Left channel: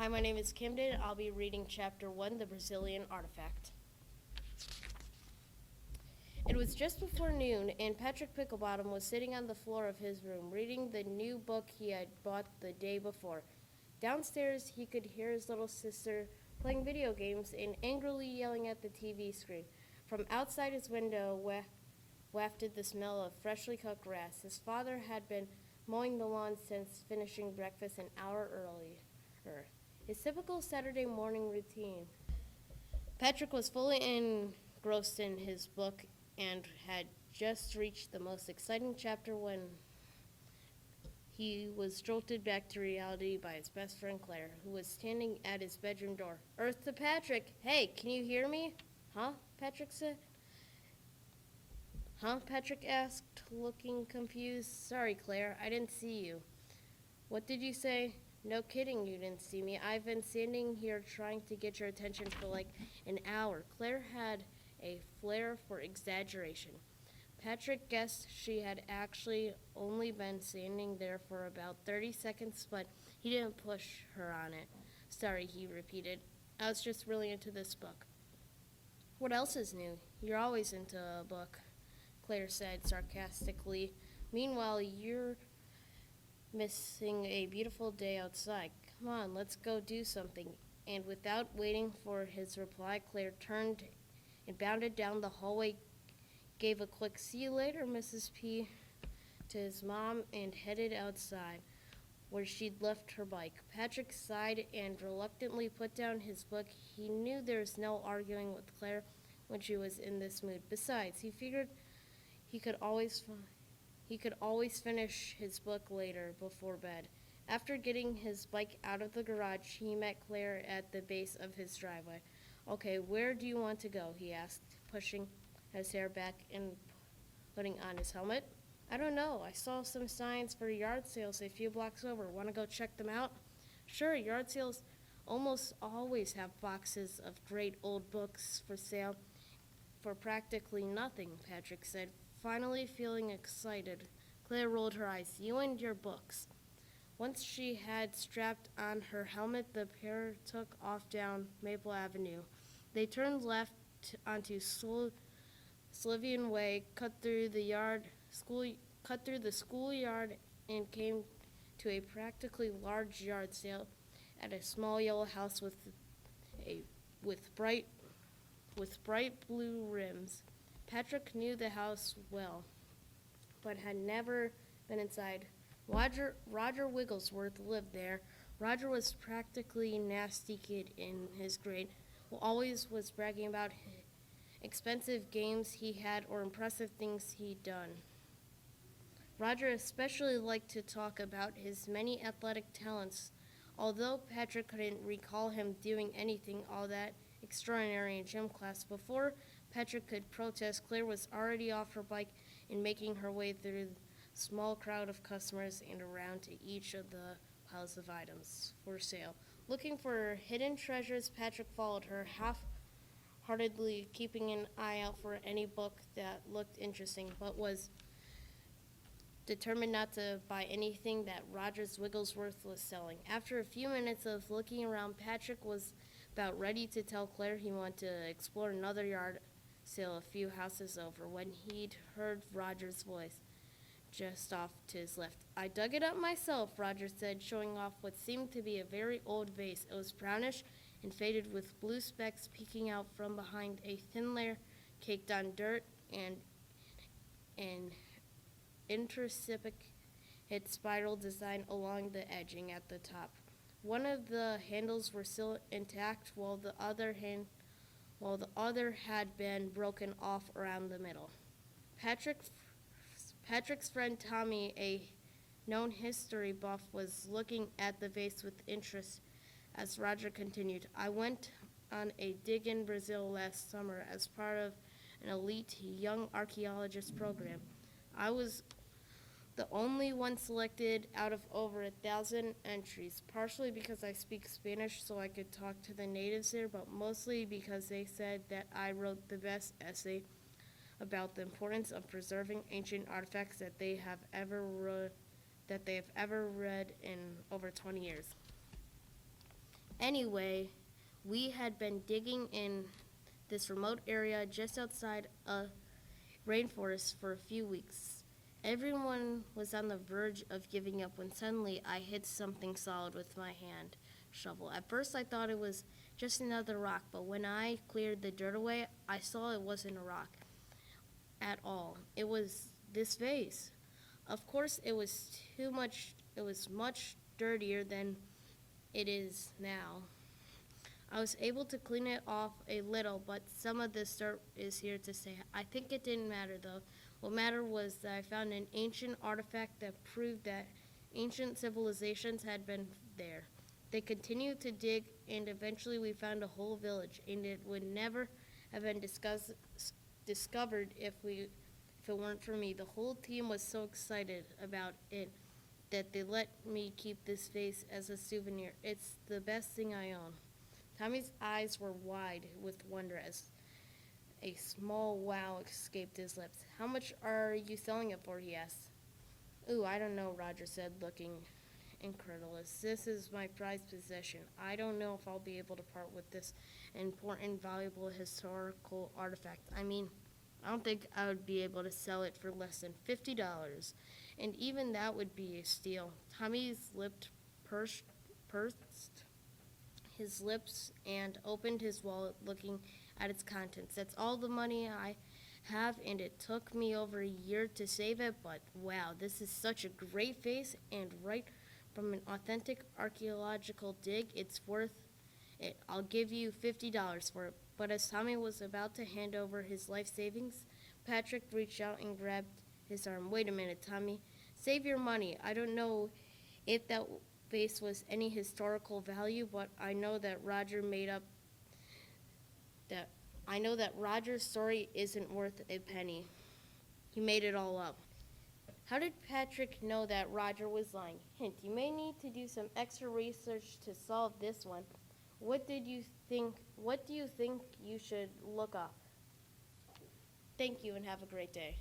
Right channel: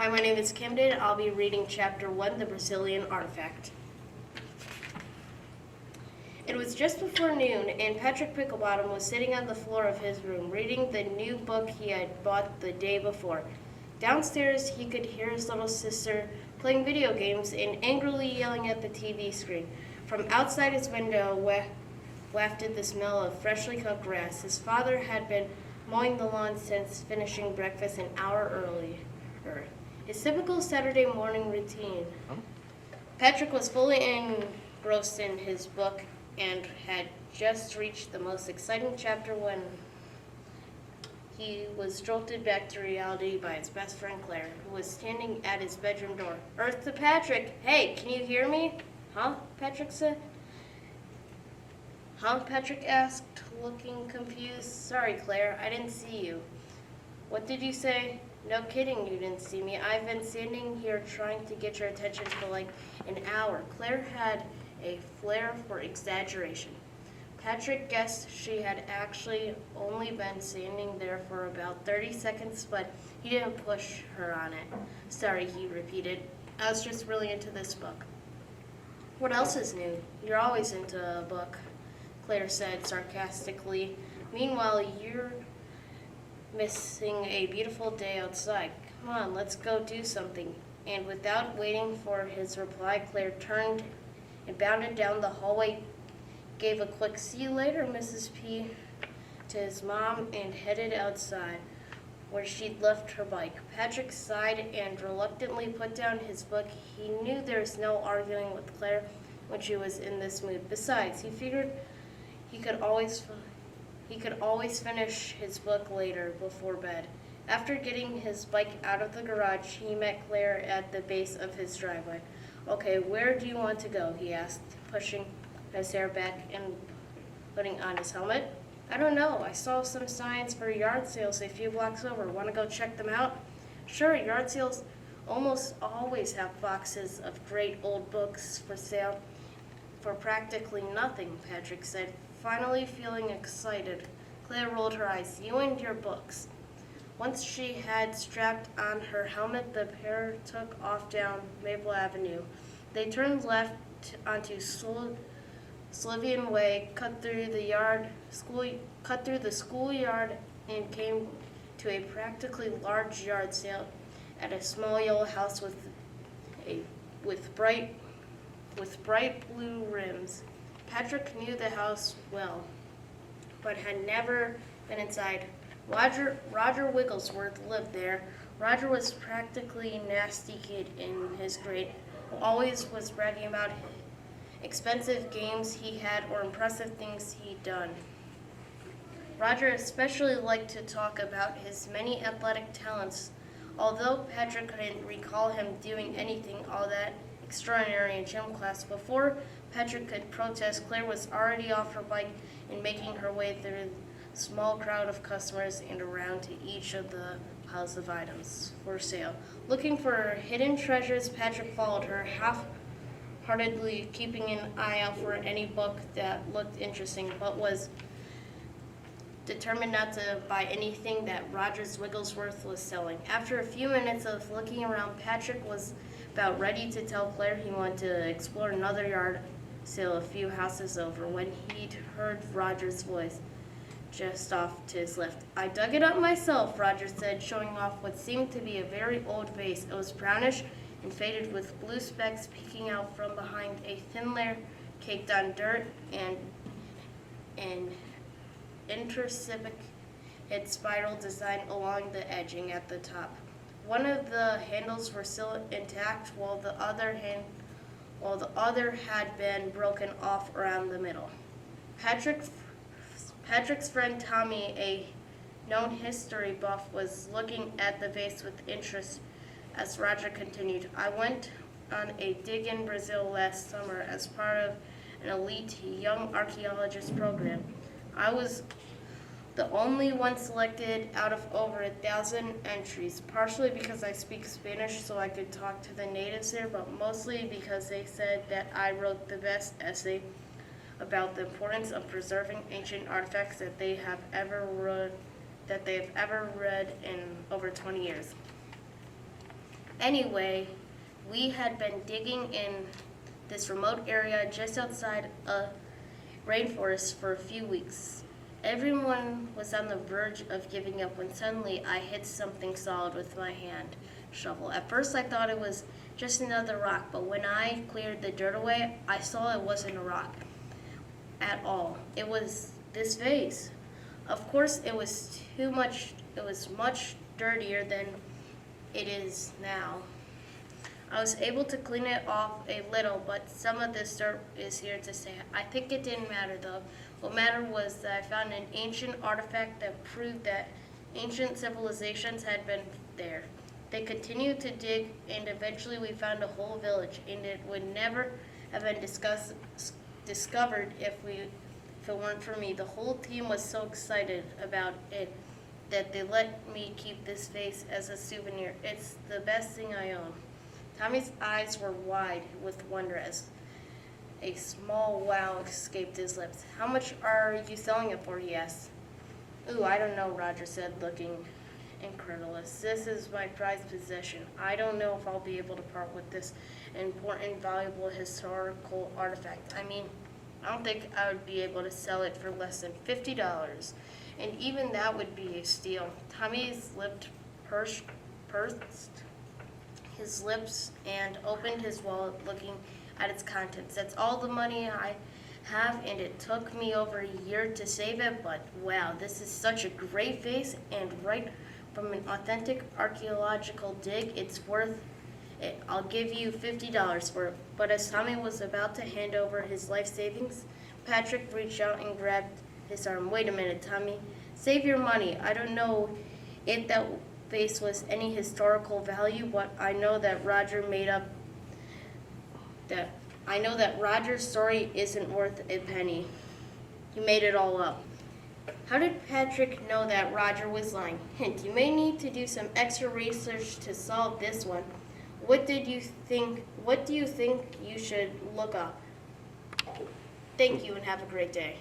Hi, my name is Camden. I'll be reading Chapter 1, The Brazilian Artifact. It was just before noon, and Patrick Picklebottom was sitting on the floor of his room, reading the new book he had bought the day before. Downstairs, he could hear his little sister playing video games and angrily yelling at the TV screen. From outside his window wafted the smell of freshly cooked grass. His father had been mowing the lawn since finishing breakfast an hour earlier. His typical Saturday morning routine. Patrick was fully engrossed in his book and had just reached the most exciting chapter when he was jolted back to reality by his best friend Claire, who was standing at his bedroom door. "Earth to Patrick! Hey, can you hear me?" "Huh?" Patrick said. "Huh?" Patrick asked, looking confused. "Sorry, Claire, I didn't see you." "What did you say?" "No kidding, you didn't see me. I've been standing here trying to get your attention for like an hour." Claire had a flair for exaggeration. Patrick guessed she had actually only been standing there for about 30 seconds, but he didn't push her on it. "Sorry," he repeated. "I was just really into this book." "What else is new? You're always into a book," Claire said sarcastically. "Meanwhile, you're missing a beautiful day outside. Come on, let's go do something." And without waiting for his reply, Claire turned and bounded down the hallway, gave a quick "See you later, Mrs. P" to his mom, and headed outside, where she'd left her bike. Patrick sighed and reluctantly put down his book. He knew there was no arguing with Claire when she was in this mood. Besides, he figured he could always finish his book later before bed. After getting his bike out of the garage, he met Claire at the base of his driveway. "Okay, where do you want to go?" he asked, pushing his hair back and putting on his helmet. "I don't know. I saw some signs for yard sales a few blocks over. Want to go check them out?" "Sure, yard sales almost always have boxes of great old books for sale for practically nothing," Patrick said, finally feeling excited. Claire rolled her eyes. "You and your books." Once she had strapped on her helmet, the pair took off down Maple Avenue. They turned left onto Slivian Way, cut through the schoolyard, and came to a practically large yard sale at a small yellow house with bright blue rims. Patrick knew the house well, but had never been inside. Roger Wigglesworth lived there. Roger was practically a nasty kid in his grade, who always was bragging about expensive games he had or impressive things he'd done. Roger especially liked to talk about his many athletic talents, although Patrick couldn't recall him doing anything all that extraordinary in gym class. Before Patrick could protest, Claire was already off her bike and making her way through the small crowd of customers and around to each of the piles of items for sale. Looking for hidden treasures, Patrick followed her, half-heartedly keeping an eye out for any book that looked interesting, but was determined not to buy anything that Rogers Wigglesworth was selling. After a few minutes of looking around, Patrick was about ready to tell Claire he wanted to explore another yard sale a few houses over when he'd heard Roger's voice just off to his left. "I dug it up myself," Roger said, showing off what seemed to be a very old vase. It was brownish and faded with blue specks peeking out from behind a thin layer caked on dirt and an intricate spiral design along the edging at the top. One of the handles were still intact, while the other had been broken off around the middle. Patrick's friend Tommy, a known history buff, was looking at the vase with interest as Roger continued. "I went on a dig in Brazil last summer as part of an elite young archaeologist program. I was the only one selected out of over 1,000 entries, partially because I speak Spanish so I could talk to the natives there, but mostly because they said that I wrote the best essay about the importance of preserving ancient artifacts that they have ever read in over 20 years. Anyway, we had been digging in this remote area just outside a rainforest for a few weeks. Everyone was on the verge of giving up when suddenly I hit something solid with my hand shovel. At first I thought it was just another rock, but when I cleared the dirt away, I saw it wasn't a rock at all. It was this vase. Of course, it was much dirtier than it is now. I was able to clean it off a little, but some of this dirt is here to stay. I think it didn't matter though. What mattered was that I found an ancient artifact that proved that ancient civilizations had been there. They continued to dig, and eventually we found a whole village, and it would never have been discovered if it weren't for me. The whole team was so excited about it that they let me keep this vase as a souvenir. It's the best thing I own. Tommy's eyes were wide with wonder as a small wow escaped his lips. How much are you selling it for, he asked. Ooh, I don't know, Roger said, looking incredulous. This is my prized possession. I don't know if I'll be able to part with this important, valuable historical artifact. I mean, I don't think I would be able to sell it for less than $50. And even that would be a steal. Tommy's lips pursed his lips and opened his wallet, looking at its contents. That's all the money I have, and it took me over a year to save it, but wow, this is such a great vase, and right from an authentic archaeological dig, it's worth it. I'll give you $50 for it. But as Tommy was about to hand over his life savings, Patrick reached out and grabbed his arm. Wait a minute, Tommy. Save your money. I don't know if that vase was any historical value, but I know that Roger's story isn't worth a penny. He made it all up. How did Patrick know that Roger was lying? Hint, you may need to do some extra research to solve this one. What do you think you should look up? Thank you and have a great day.